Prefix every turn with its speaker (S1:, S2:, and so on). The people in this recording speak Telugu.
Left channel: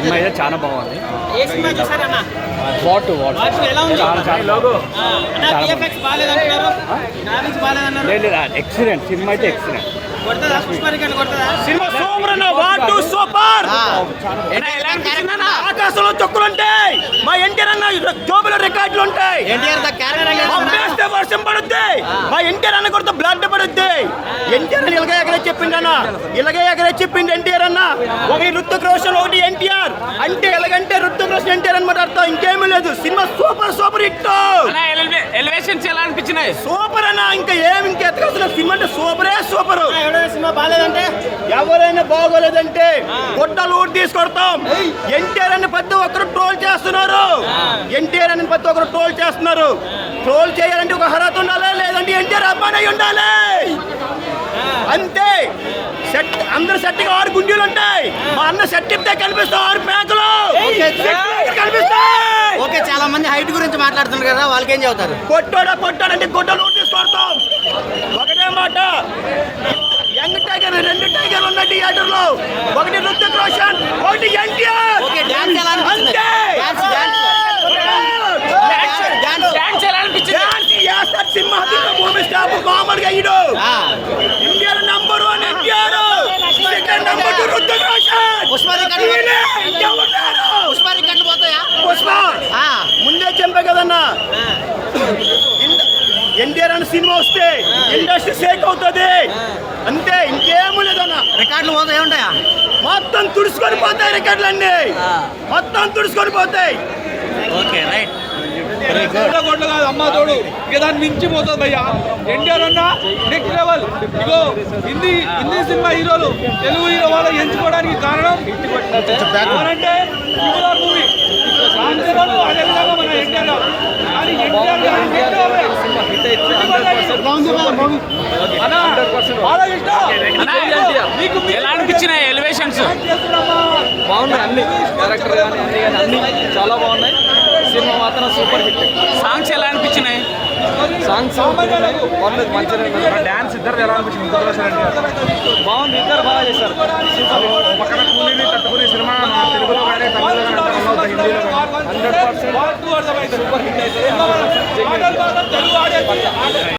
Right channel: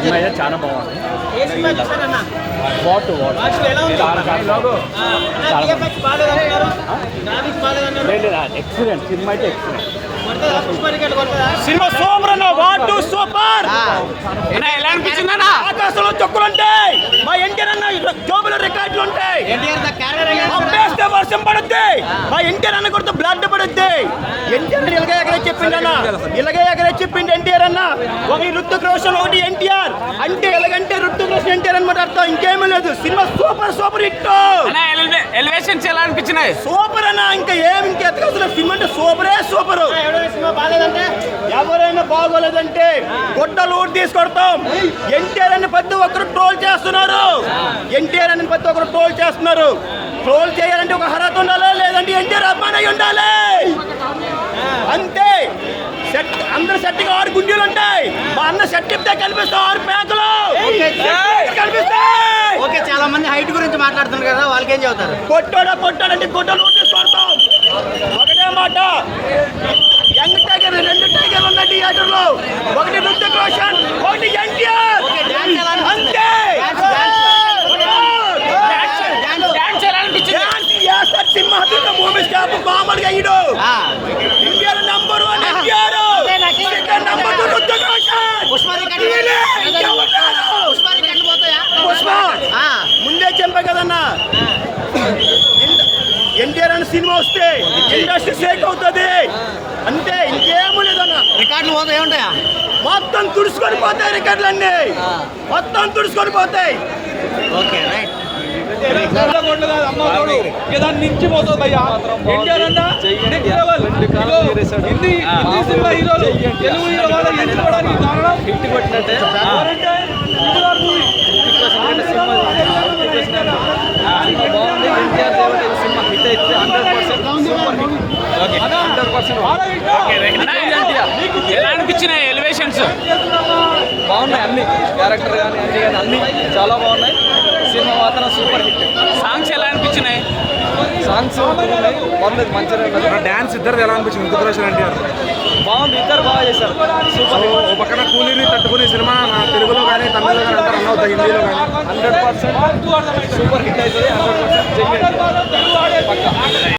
S1: సినిమా అయితే చాలా బాగుంది. వాట్ వాట్ చాలా చాలా బాగుంది. చాలా బాగుంది. లేదు లేదు ఎక్సలెంట్ సినిమా అయితే ఎక్సలెంట్ సినిమా సూపర్ అన్న వాట్ టు సూపర్ ఆకాశంలో చొక్కులు ఉంటాయి. మా ఎన్టీఆర్ అన్న జోబులో రికార్డులు ఉంటాయి. వర్షం పడుద్ది. మా ఎన్టీఆర్ అన్న కొడితే బ్లడ్ పడుద్ది. ఎన్టీఆర్ అన్న ఇలాగే ఎగరే చెప్పిండు అన్న. ఇలాగే చెప్పిండు ఎన్టీఆర్ అన్న. ఒకటి ఋతుక్ రోషన్ ఒకటి ఎన్టీఆర్ అంటే ఎలాగంటే ఋతుక్ రోషన్ ఎన్టీఆర్ అనమాట అర్థం. ఇంకేమీ లేదు. Cinema super super hit.
S2: Elevations ఎలా అనిపించినాయి?
S1: సూపర్ అన్న ఇంకా ఏం ఇంకా ఎత్తకాల్సిన సినిమా అంటే సూపరే సూపర్. ఎవరైనా బాగోలేదంటే గుడ్డలు ఊడి తీసుకొడతాం. ఎన్టీఆర్ అని ప్రతి ఒక్కరు ట్రోల్ చేస్తున్నారు. ఎన్టీఆర్ అని ప్రతి ఒక్కరు ట్రోల్ చేస్తున్నారు. ట్రోల్ చేయాలంటే ఒక అర్హత ఉండాలి? లేదంటే ఎన్టీఆర్ అభిమాని అయి ఉండాలి. సెట్ అందరు సెట్గా ఆరు గుండీలు ఉంటాయి. మా అన్న సెట్ ఇస్తే కనిపిస్తాం ఆరు ప్యాంకులు. కనిపిస్తాయి.
S3: ఓకే చాలా మంది హైట్ గురించి మాట్లాడుతున్నారు కదా వాళ్ళకి ఏం చెబుతారు?
S1: కొట్టాడా కొట్టాడంటే గుడ్డలు తీసుకొడతాం ఒకటే మాట. యంగ్ టైగర్ రెండు టైగర్లు ఉన్నాయి థియేటర్లో ఒకటి రుతిక్ రోషన్ ఒకటి ఎన్టీఆర్. అంతే.
S3: డాన్స్
S1: తీసిన మూవీ స్టాప్ కామెడీ అయ్యడు చెప్పా కదన్నా? ఎన్టీఆర్ అనే సినిమా వస్తే ఇండస్ట్రీ షేక్ అవుతుంది. అంతే ఇంకేమీ లేదన్న.
S3: రికార్డులు పోతాయి ఏముంటాయా?
S1: మొత్తం తుడుచుకొని పోతాయి రికార్డులన్నీ.
S3: ఆ.
S1: మొత్తం తుడుచుకొని పోతాయి.
S3: Okay right.
S4: కొట్లు కాదు అమ్మ తోడు. ఇక దాన్ని మించిపోతుంది భయ్యా. ఎన్టీఆర్ అన్న నెక్స్ట్ లెవెల్ ఇగో హిందీ హిందీ సినిమా హీరోలు తెలుగు హీరో వాళ్ళు ఎంచుకోవడానికి కారణం మూవీ
S5: బాగుంది. ఎన్టీఆర్ దేవట ఈ సినిమా హిట్ అయితే హండ్రెడ్ పర్సెంట్ హండ్రెడ్ పర్సెంట్
S2: ఎలా అనిపించినాయి ఎలివేషన్స్
S5: బాగున్నాయి అన్ని. క్యారెక్టర్ కానీ అన్ని కానీ అన్ని చాలా బాగున్నాయి. సినిమా మాత్రం సూపర్ హిట్.
S2: సాంగ్స్ ఎలా అనిపించినాయి?
S5: సాంగ్స్ ఉన్నాయి పర్లేదు మంచిగా ఉన్నది.
S4: డాన్స్ ఇద్దరు ఎలా అనిపించింది? రుతిక్ రోషన్ ఎన్టీఆర్.
S5: బాగుంది ఇద్దరు బాగా చేశారు. Super hit. Percent. Super hit అవుతుంది హండ్రెడ్ పర్సెంట్.